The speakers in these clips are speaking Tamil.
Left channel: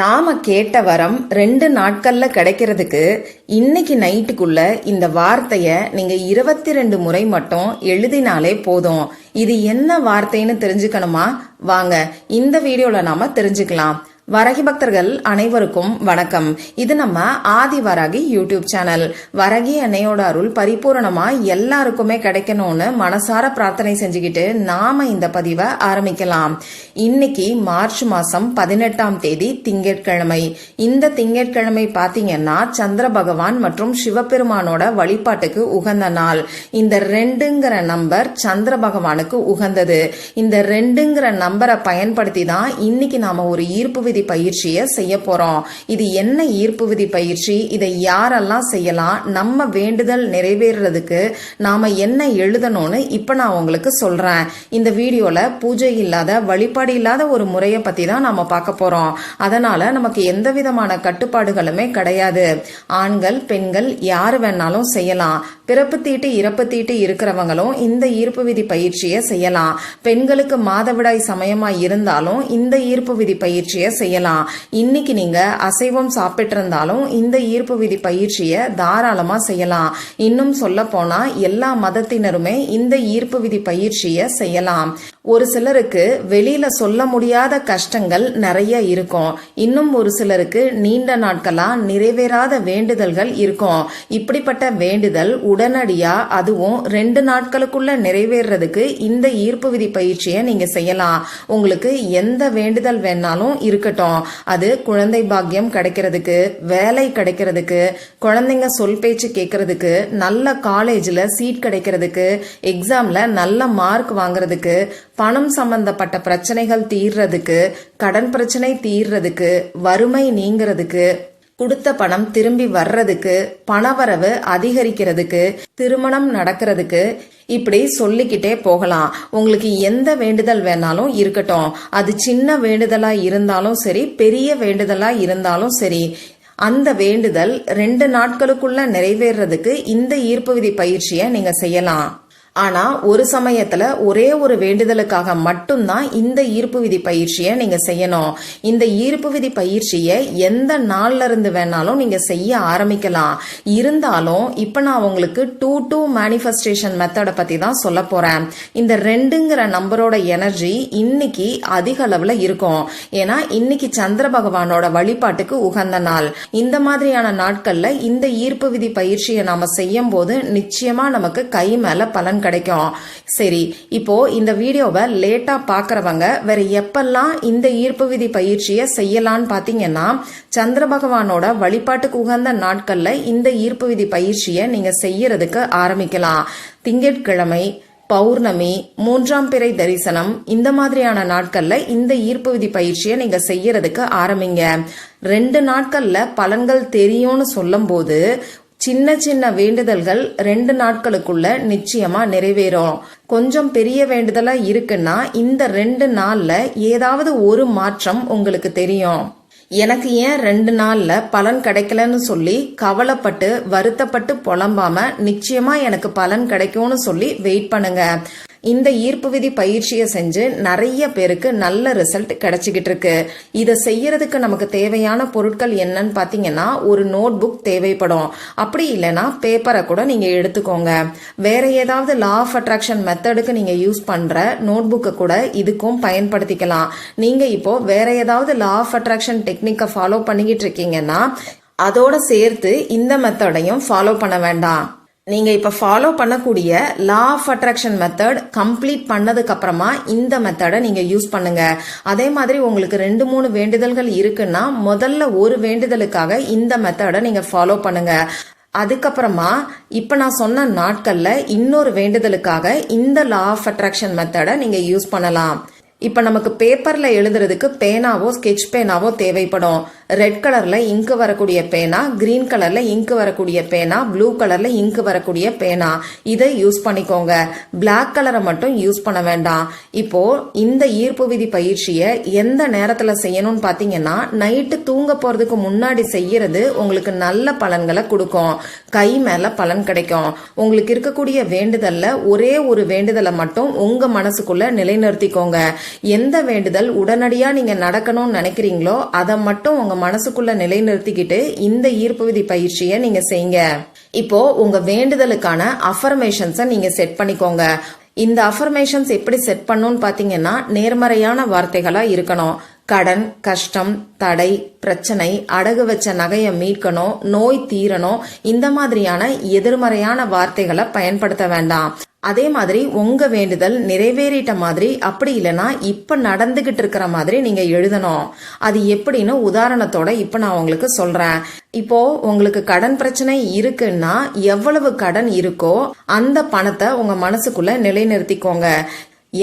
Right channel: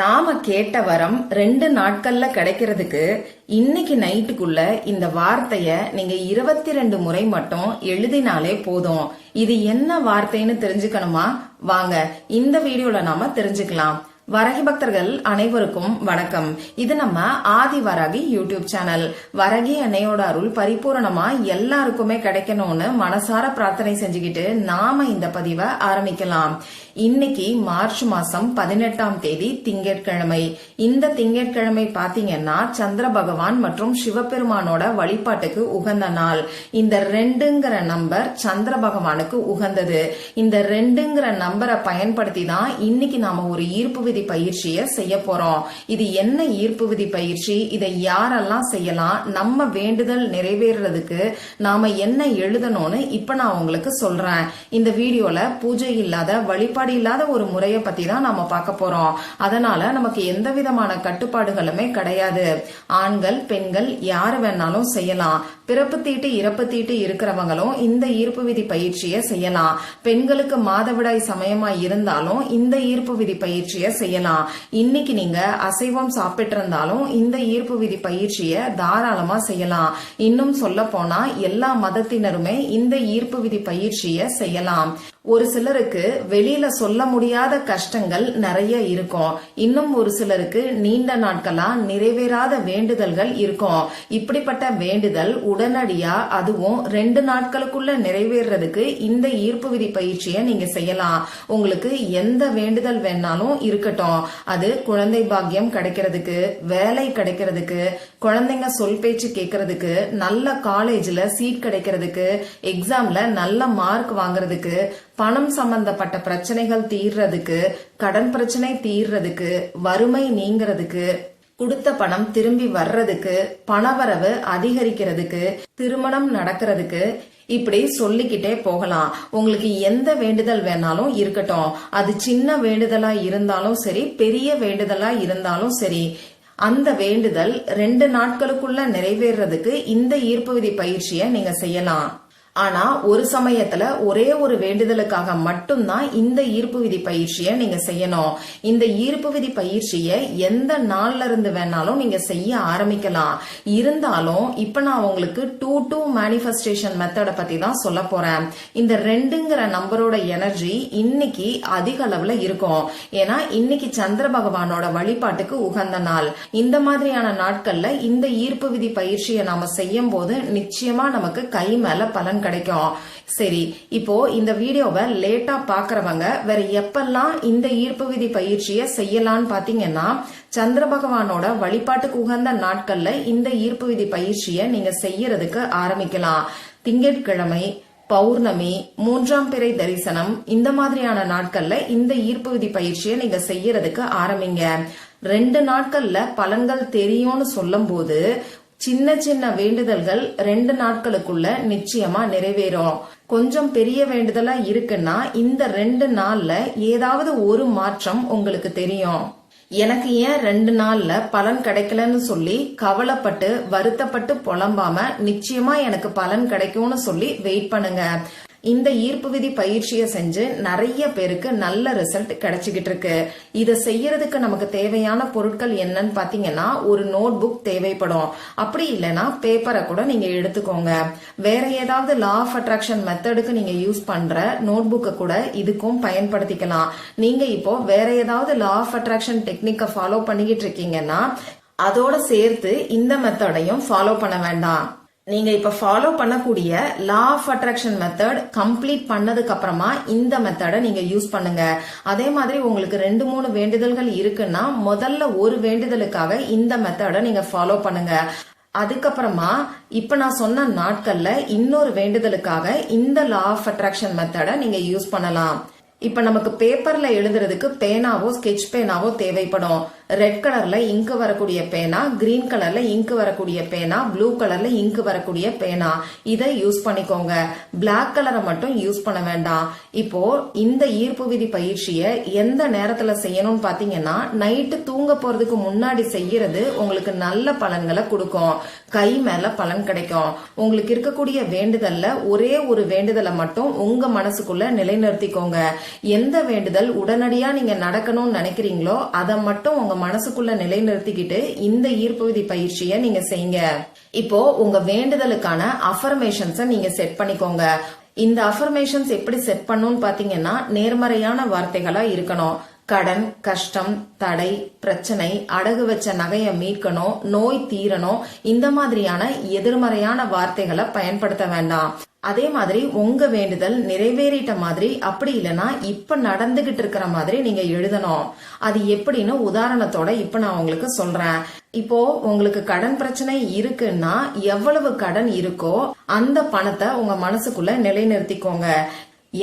நாம கேட்ட வரம் 2 நாட்கள்ல கிடைக்கிறதுக்கு இன்னைக்கு நைட்டுக்குள்ள இந்த வார்த்தைய நீங்க 22 முறை மட்டும் எழுதினாலே போதும். இது என்ன வார்த்தைன்னு தெரிஞ்சுக்கணுமா? வாங்க இந்த வீடியோல நாம தெரிஞ்சுக்கலாம். வரகி பக்தர்கள் அனைவருக்கும் வணக்கம். இது நம்ம ஆதி வராகி யூடியூப் சேனல். வரகி அன்னையோட அருள் பரிபூரணமா எல்லாருக்குமே கிடைக்கணும்னு மனசார பிரார்த்தனை செஞ்சுக்கிட்டு நாம இந்த பதிவை ஆரம்பிக்கலாம். இன்னைக்கு மார்ச் மாசம் 18ஆம் தேதி திங்கட்கிழமை. இந்த திங்கட்கிழமை பாத்தீங்கன்னா சந்திர பகவான் மற்றும் சிவபெருமானோட வழிபாட்டுக்கு உகந்த நாள். இந்த 2ங்கிற நம்பர் சந்திர பகவானுக்கு உகந்தது. இந்த 2ங்கிற நம்பரை பயன்படுத்தி தான் இன்னைக்கு நாம ஒரு ஈர்ப்பு விதி பயிற்சியை செய்ய போறோம். இது என்ன ஈர்ப்பு விதி பயிற்சி, இதை யாரெல்லாம் செய்யலாம், நம்ம வேண்டுதல் நிறைவேறதுக்கு நாம என்ன எழுதணும்னு இப்ப நான் உங்களுக்கு சொல்றேன். இந்த வீடியோல பூஜை இல்லாத வழிபாடு இல்லாத ஒரு முறையை பத்தி தான் நாம பார்க்க போறோம். அதனால நமக்கு எந்த விதமான கட்டுப்பாடுகளுமே கிடையாது. ஆண்கள் பெண்கள் யாரு வேணாலும் செய்யலாம். பிறப்பு தீட்டு இறப்பு தீட்டு இருக்கிறவங்களும் இந்த ஈர்ப்பு விதி பயிற்சியை செய்யலாம். பெண்களுக்கு மாதவிடாய் சமயமா இருந்தாலும் இந்த ஈர்ப்பு விதி பயிற்சியை செய்யலாம். இன்னைக்கு நீங்க அசைவம் சாப்பிட்டு இருந்தாலும் இந்த ஈர்ப்பு விதி பயிற்சியை தாராளமா செய்யலாம். இன்னும் சொல்ல போனா எல்லா மதத்தினருமே இந்த ஈர்ப்பு விதி பயிற்சியை செய்யலாம். ஒரு சிலருக்கு வெளியில சொல்ல முடியாத கஷ்டங்கள் நிறைய இருக்கும். இன்னும் ஒரு சிலருக்கு நீண்ட நாட்களா நிறைவேறாத வேண்டுதல்கள் இருக்கும். இப்படிப்பட்ட வேண்டுதல் உடனடியா அதுவும் 2 நாட்களுக்குள்ள நிறைவேறதுக்கு இந்த ஈர்ப்பு விதி பயிற்சியை நீங்க செய்யலாம். உங்களுக்கு எந்த வேண்டுதல் வேணாலும் இருக்கட்டும். அது குழந்தை பாக்கியம் கிடைக்கிறதுக்கு, வேலை கிடைக்கிறதுக்கு, குழந்தைங்க சொல் பேச்சு கேட்கறதுக்கு, நல்ல காலேஜ்ல சீட் கிடைக்கிறதுக்கு, எக்ஸாம்ல நல்ல மார்க் வாங்குறதுக்கு, பணம் சம்பந்தப்பட்ட பிரச்சனைகள் தீர்றதுக்கு, கடன் பிரச்சனை தீர்றதுக்கு, வறுமை நீங்கிறதுக்கு, கொடுத்த பணம் திரும்பி வர்றதுக்கு, பணவரவு அதிகரிக்கிறதுக்கு, திருமணம் நடக்கிறதுக்கு, இப்படி சொல்லிக்கிட்டே போகலாம். உங்களுக்கு எந்த வேண்டுதல் வேணாலும் இருக்கட்டும். அது சின்ன வேண்டுதலா இருந்தாலும் சரி, பெரிய வேண்டுதலா இருந்தாலும் சரி, அந்த வேண்டுதல் 2 நாட்களுக்குள்ள நிறைவேறதுக்கு இந்த ஈர்ப்பு விதி பயிற்சியை நீங்க செய்யலாம். ஆனா ஒரு சமயத்துல ஒரே ஒரு வேண்டுதலுக்காக மட்டும்தான் இந்த ஈர்ப்பு விதி பயிற்சியை நீங்க செய்யணும். இந்த ஈர்ப்பு விதி பயிற்சியை எந்த நாள்ல இருந்து வேணாலும் நீங்க செய்ய ஆரம்பிக்கலாம். இருந்தாலும் இப்ப நான் உங்களுக்கு 2-2 மேனிஃபெஸ்டேஷன் மெத்தட பத்தி தான் சொல்ல போறேன். இந்த 2ங்கிற நம்பரோட எனர்ஜி இன்னைக்கு அதிக அளவுல இருக்கும். ஏன்னா இன்னைக்கு சந்திர பகவானோட வழிபாட்டுக்கு உகந்த நாள். இந்த மாதிரியான நாட்கள்ல இந்த ஈர்ப்பு விதி பயிற்சியை நாம செய்யும் போது நிச்சயமா நமக்கு கை மேல பலன் கிடைக்கும். சரி, இப்போ இந்த வீடியோவை லேட்டா பாக்குறவங்க வேற எப்பெல்லாம் இந்த ஈர்ப்பு விதி பயிற்சியை செய்யலான்னு பாத்தீங்கன்னா, சந்திர பகவானோட வழிபாட்டுக்கு உகந்த நாட்கள்ல இந்த ஈர்ப்பு விதி பயிற்சியை நீங்க செய்யறதுக்கு ஆரம்பிக்கலாம். திங்கட்கிழமை, பௌர்ணமி, 3ஆம் பிறை தரிசனம், இந்த மாதிரியான நாட்கள்ல இந்த ஈர்ப்பு விதி பயிற்சியை நீங்க செய்யறதுக்கு ஆரம்பிங்க. 2 நாட்கள்ல பலன்கள் தெரியும்னு சொல்லும் போது சின்ன சின்ன வேண்டுதல்கள் 2 நாட்களுக்குள்ள நிச்சயமா நிறைவேறும். கொஞ்சம் பெரிய வேண்டுதலா இருக்குன்னா இந்த 2 நாள்ல ஏதாவது ஒரு மாற்றம் உங்களுக்கு தெரியும். எனக்கு ஏன் 2 நாள்ல பலன் கிடைக்கலன்னு சொல்லி கவலைப்பட்டு வருத்தப்பட்டு புலம்பாம நிச்சயமா எனக்கு பலன் கிடைக்கும்னு சொல்லி வெயிட் பண்ணுங்க. இந்த ஈர்ப்பு விதி பயிற்சியை செஞ்சு நிறைய பேருக்கு நல்ல ரிசல்ட் கிடைச்சிக்கிட்டு இருக்கு. இதை செய்யறதுக்கு நமக்கு தேவையான பொருட்கள் என்னன்னு பாத்தீங்கன்னா, ஒரு நோட் புக் தேவைப்படும். அப்படி இல்லைன்னா பேப்பரை கூட நீங்க எடுத்துக்கோங்க. வேற ஏதாவது லா ஆஃப் அட்ராக்ஷன் மெத்தடுக்கு நீங்க யூஸ் பண்ற நோட் புக்கை கூட இதுக்கும் பயன்படுத்திக்கலாம். நீங்க இப்போ வேற ஏதாவது லா ஆஃப் அட்ராக்ஷன் டெக்னிக்கை ஃபாலோ பண்ணிக்கிட்டு இருக்கீங்கன்னா அதோட சேர்த்து இந்த மெத்தடையும் ஃபாலோ பண்ண வேண்டாம். நீங்க இப்ப ஃபாலோ பண்ணக்கூடிய law of attraction method complete பண்ணதுக்கு அப்புறமா இந்த மெத்தடை நீங்க யூஸ் பண்ணுங்க. அதே மாதிரி உங்களுக்கு 2-3 வேண்டுதல்கள் இருக்குன்னா முதல்ல ஒரு வேண்டுதலுக்காக இந்த மெத்தடை நீங்க ஃபாலோ பண்ணுங்க. அதுக்கப்புறமா இப்ப நான் சொன்ன நாட்கள்ல இன்னொரு வேண்டுதலுக்காக இந்த லா ஆஃப் அட்ராக்ஷன் மெத்தடை நீங்க யூஸ் பண்ணலாம். இப்ப நமக்கு பேப்பர்ல எழுதுறதுக்கு பேனாவோ ஸ்கெட்ச் பேனாவோ தேவைப்படும். ரெட் கலர்ல இங்க் வரக்கூடிய பேனா, கிரீன் கலர்ல இங்க் வரக்கூடிய பேனா, ப்ளூ கலர்ல இங்க் வரக்கூடிய பேனா, இதை யூஸ் பண்ணிக்கோங்க. பிளாக் கலரை மட்டும் யூஸ் பண்ண வேண்டாம். இப்போ இந்த ஈர்ப்பு விதி பயிற்சியை எந்த நேரத்துல செய்யணும்னு பாத்தீங்கன்னா, நைட்டு தூங்க போறதுக்கு முன்னாடி செய்யறது உங்களுக்கு நல்ல பலன்களை கொடுக்கும். கை மேல பலன் கிடைக்கும். உங்களுக்கு இருக்கக்கூடிய வேண்டுதல்ல ஒரே ஒரு வேண்டுதலை மட்டும் உங்க மனசுக்குள்ள நிலைநிறுத்திக்கோங்க. எந்த வேண்டுதல் உடனடியா நீங்க நடக்கணும்னு நினைக்கிறீங்களோ அதை மட்டும் உங்க மனசுக்குள்ள நிலைநிறுத்திக்கிட்டு இந்த ஈர்ப்பு விதி பயிற்சியை நீங்க செய்யுங்க. இப்போ உங்க வேண்டுதலுக்கான அஃபர்மேஷன்ஸை நீங்க செட் பண்ணிக்கோங்க. இந்த அஃபர்மேஷன்ஸ் எப்படி செட் பண்ணணும்னு பாத்தீங்கன்னா, நேர்மறையான வார்த்தைகளா இருக்கணும். கடன், கஷ்டம், தடை, பிரச்சனை, அடகு வச்ச நகையை மீட்கணும், நோய் தீரணும், இந்த மாதிரியான எதிர்மறையான வார்த்தைகளை பயன்படுத்த வேண்டாம். அதே மாதிரி உங்க வேண்டுதல் நிறைவேறிட்ட மாதிரி, அப்படி இல்லைன்னா இப்ப நடந்துகிட்டு இருக்கிற மாதிரி நீங்க எழுதணும். அது எப்படின்னு உதாரணத்தோட இப்ப நான் உங்களுக்கு சொல்றேன். இப்போ உங்களுக்கு கடன் பிரச்சனை இருக்குன்னா எவ்வளவு கடன் இருக்கோ அந்த பணத்தை உங்க மனசுக்குள்ள நிலைநிறுத்திக்கோங்க.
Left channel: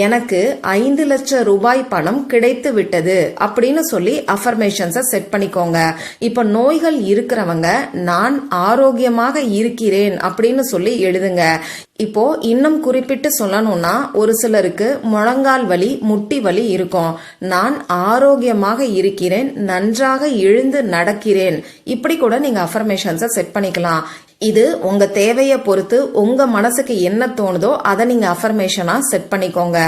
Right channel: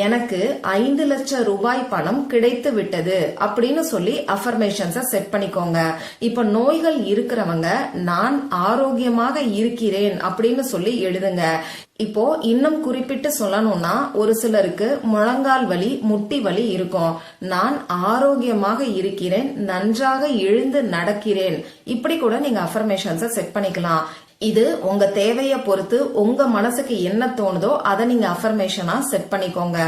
எனக்கு 5 லட்சம் ரூபாய் பணம் கிடைத்து விட்டது அப்படின்னு சொல்லி அஃபர்மேஷன்ஸை செட் பண்ணிக்கோங்க. இப்ப நோய்கள் இருக்கிறவங்க நான் ஆரோக்கியமாக இருக்கிறேன் அப்படின்னு சொல்லி எழுதுங்க. இப்போ இன்னும் குறிப்பிட்டு சொல்லணும்னா, ஒரு சிலருக்கு முழங்கால் வலி, முட்டி வலி இருக்கும். நான் ஆரோக்கியமாக இருக்கிறேன், நன்றாக எழுந்து நடக்கிறேன், இப்படி கூட நீங்க அஃபர்மேஷன்ஸை செட் பண்ணிக்கலாம். இது உங்க தேவையை பொறுத்து உங்க மனசுக்கு என்ன தோணுதோ அதை நீங்க அஃபர்மேஷனா செட் பண்ணிக்கோங்க.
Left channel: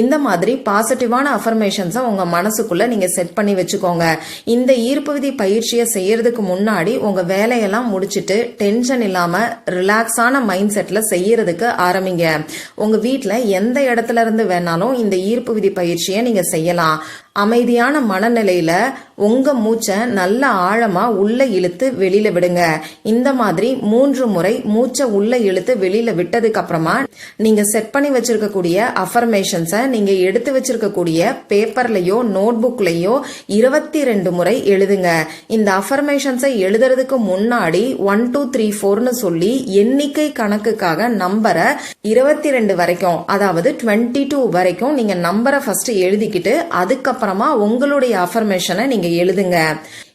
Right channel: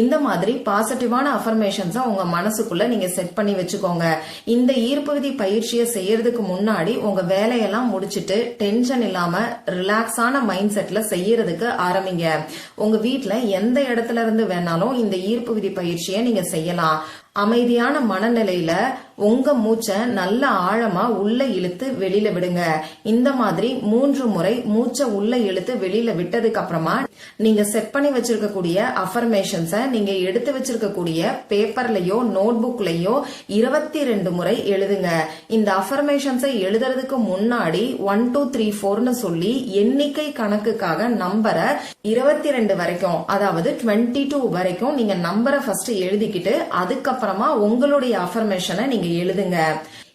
இந்த மாதிரி பாசிட்டிவான அஃபர்மேஷன்ஸை உங்க மனசுக்குள்ள நீங்க செட் பண்ணி வச்சுக்கோங்க. இந்த ஈர்ப்பு விதி பயிற்சியை செய்யறதுக்கு முன்னாடி உங்க வேலையெல்லாம் முடிச்சிட்டு டென்ஷன் இல்லாம ரிலாக்ஸான மைண்ட் செட்ல செய்யறதுக்கு ஆரம்பிங்க. உங்க வீட்டுல எந்த இடத்துல இருந்து வேணாலும் இந்த ஈர்ப்பு விதி பயிற்சியை நீங்க செய்யலாம். அமைதியான மனநிலையில உங்க மூச்சை நல்ல ஆழமா உள்ள இழுத்து வெளியில விடுங்க. இந்த மாதிரி 3 முறை மூச்சை உள்ள இழுத்து வெளியில விட்டதுக்கு அப்புறமா நீங்க செட் பண்ணி வச்சிருக்கக்கூடிய அஃபர்மேஷன்ஸை நீங்க எடுத்து வச்சிருக்கக்கூடிய பேப்பர்லயோ நோட் புக்லயோ 22 முறை எழுதுங்க. இந்த அஃபர்மேஷன்ஸை எழுதுறதுக்கு முன்னாடி 1 2 3 4ன்னு சொல்லி எண்ணிக்கை கணக்குக்காக நம்பரை 22 வரைக்கும், அதாவது 22 வரைக்கும் நீங்க நம்பரை ஃபர்ஸ்ட் எழுதிக்கிட்டு அதுக்கப்புறமா உங்களுடைய அஃபர்மேஷனை நீங்க எழுதுங்க.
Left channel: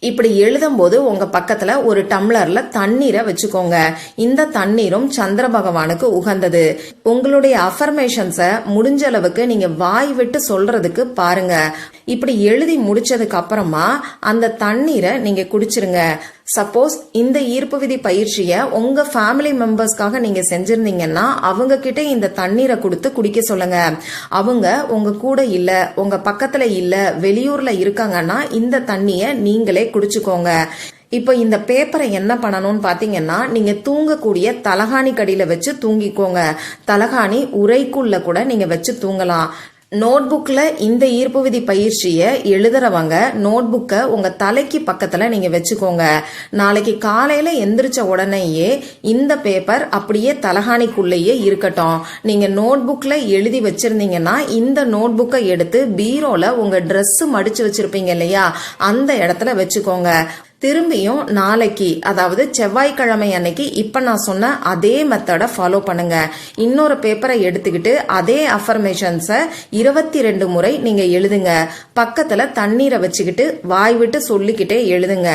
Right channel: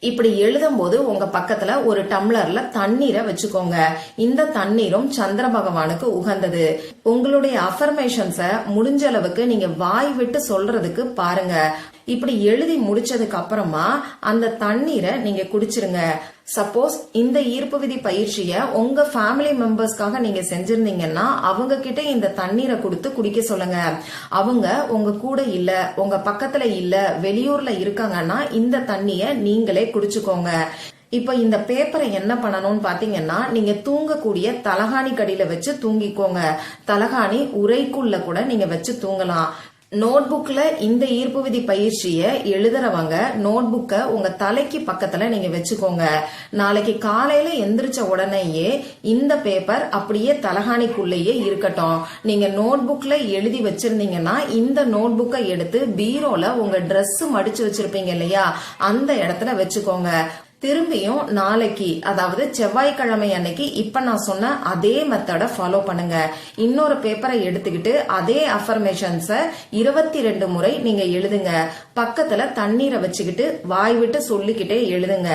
இப்படி எழுதும் போது உங்க பக்கத்துல ஒரு டம்ளர்ல தண்ணீரை வச்சுக்கோங்க. இந்த தண்ணீரும் சந்திர பகவானுக்கு உகந்தது. உங்களுடைய அஃபர்மேஷன்ஸை முடிஞ்ச அளவுக்கு நீங்க வாய் விட்டு சொல்றதுக்கு பாருங்க. இப்படி எழுதி முடிச்சதுக்கு அப்புறமா அந்த தண்ணீரை நீங்க குடிச்சிருங்க. சப்போஸ் இந்த ஈர்ப்பு விதி பயிற்சிய உங்க ஃபேமிலி மெம்பர்ஸ்க்காக நீங்க செஞ்சிருந்தீங்கன்னா அவங்க கிட்ட இந்த தண்ணீரை கொடுத்து குடிக்க சொல்லுங்க. அவங்க உங்க கூட இல்ல, உங்க பக்கத்துல இல்ல, வெளியூர்ல இருக்காங்கன்னா இந்த தண்ணிய நீங்களே குடிச்சுக்கோங்க. இப்போ இந்த பேப்பரை என்ன பண்ணணும்னு பாத்தீங்கன்னா, நீங்க தூங்கக்கூடிய தலகாணி கடியில வச்சு தூங்கிக்கோங்க. தலகாணி உரைக்குள்ள கூட நீங்க வச்சு தூங்கலாம். நோட்புக்ல இந்த ஈர்ப்பு விதி பயிற்சிய எழுதுறவங்க நோட்புக்கை உங்க தலைக்கு பக்கத்துல நீங்க வச்சுக்கோங்க. நாளைக்கு காலையில எந்திரிச்ச உடனேயே இந்த பேப்பர் அப்படியே தலகாணிக்குள்ளேயே இருக்கட்டும். நீங்க நோட்புக்ல எழுதி வச்சிருந்தீங்கன்னா இந்த நோட்புக்கை எடுத்து பீரோல உங்க Dress மடிச்சு வச்சிருப்பீங்க இல்லையா, அந்த இடத்துல வச்சுக்கோங்க. திரும்பியும் நாளைக்கு, அதாவது செவ்வாய்க்கிழமை அன்னைக்கு இப்ப நான் சொன்ன அதே மெத்தட ஃபாலோ பண்ணுங்க. இன்னொரு பேப்பரை எடுத்துக்கிட்டு அதே அஃபர்மேஷன்ஸை 22 முறை நீங்க எழுதுங்க. பக்கத்துல தண்ணீரை வச்சுக்கிட்டு வாய் விட்டு சொல்லிக்கிட்டே எழுதுங்க.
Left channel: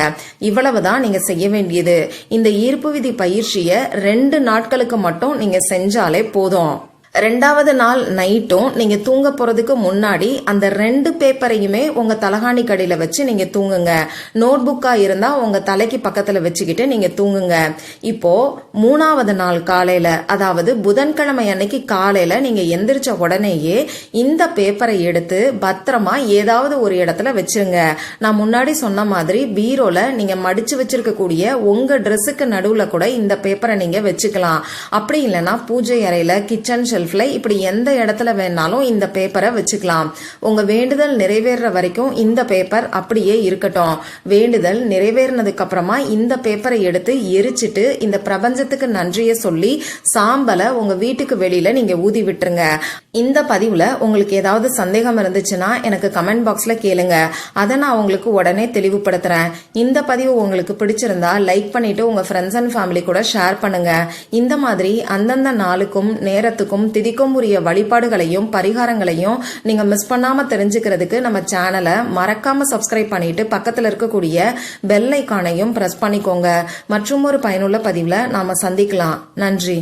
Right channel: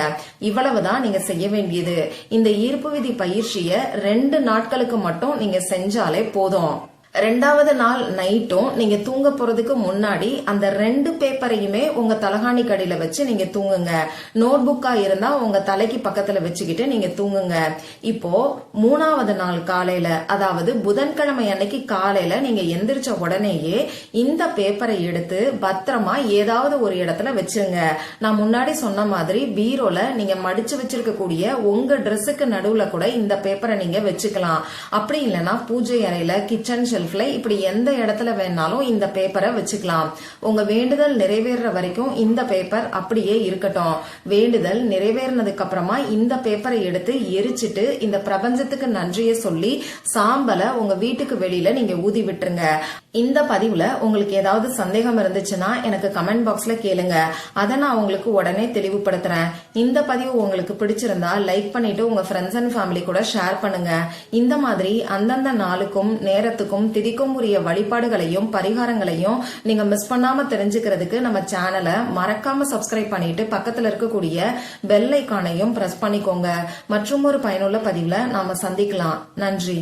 இவ்வளவுதான் நீங்க செய்ய வேண்டியது. இந்த ஈர்ப்பு விதி பயிற்சியை 2 நாட்களுக்கு மட்டும் நீங்க செஞ்சாலே போதும். 2வது நாள் நைட்டும் நீங்க தூங்க போறதுக்கு முன்னாடி அந்த 2 பேப்பரையுமே உங்க தலகாணி கடியில வச்சு நீங்க தூங்குங்க. நோட் புக்கா இருந்தா உங்க தலைக்கு பக்கத்துல வச்சுக்கிட்டு நீங்க தூங்குங்க. இப்போ 3வது நாள் காலையில, அதாவது புதன்கிழமை அன்னைக்கு காலையில நீங்க எந்திரிச்ச உடனேயே இந்த பேப்பரை எடுத்து பத்திரமா ஏதாவது ஒரு இடத்துல வச்சிருங்க. நான் முன்னாடி சொன்ன மாதிரி பீரோல நீங்க மடிச்சு வச்சிருக்கக்கூடிய உங்க Dressக்கு நடுவுல கூட இந்த பேப்பரை நீங்க வச்சுக்கலாம். அப்படி இல்லைன்னா பூஜை அறையில, கிச்சன் ஷெல்ஃப், இப்படி எந்த இடத்துல வேணாலும் இந்த பேப்பரை வச்சுக்கலாம். உங்க வேண்டுதல் நிறைவேற வரைக்கும் இந்த பேப்பர் அப்படியே இருக்கட்டும். வேண்டுதல் நிறைவேறினதுக்கு அப்புறமா இந்த பேப்பரை எடுத்து எரிச்சிட்டு இந்த பிரபஞ்சத்துக்கு நன்றியை சொல்லி சாம்பலை உங்க வீட்டுக்கு வெளியில நீங்க ஊதி விட்டுருங்க. இந்த பதிவுல உங்களுக்கு ஏதாவது சந்தேகம் இருந்துச்சுன்னா எனக்கு கமெண்ட் பாக்ஸ்ல கேளுங்க. அதை நான் உங்களுக்கு உடனே தெளிவுபடுத்துறேன். இந்த பதிவு உங்களுக்கு பிடிச்சிருந்தா லைக் பண்ணிட்டு உங்க ஃப்ரெண்ட்ஸ் அண்ட் ஃபேமிலி கூட ஷேர் பண்ணுங்க. இந்த மாதிரி அந்தந்த நாளுக்கும் நேரத்துக்கும் திதிக்கும் உரிய வழிபாடுகளையும் பரிகாரங்களையும் நீங்க மிஸ் பண்ணாம தெரிஞ்சுக்கிறதுக்கு நம்ம சேனலை மறக்காம சப்ஸ்கிரைப் பண்ணிட்டு பக்கத்துல இருக்கக்கூடிய பெல் ஐகானையும் பிரஸ் பண்ணிக்கோங்க. மற்றும் ஒரு பயனுள்ள பதிவுல நாம சந்திக்கலாம். நன்றி.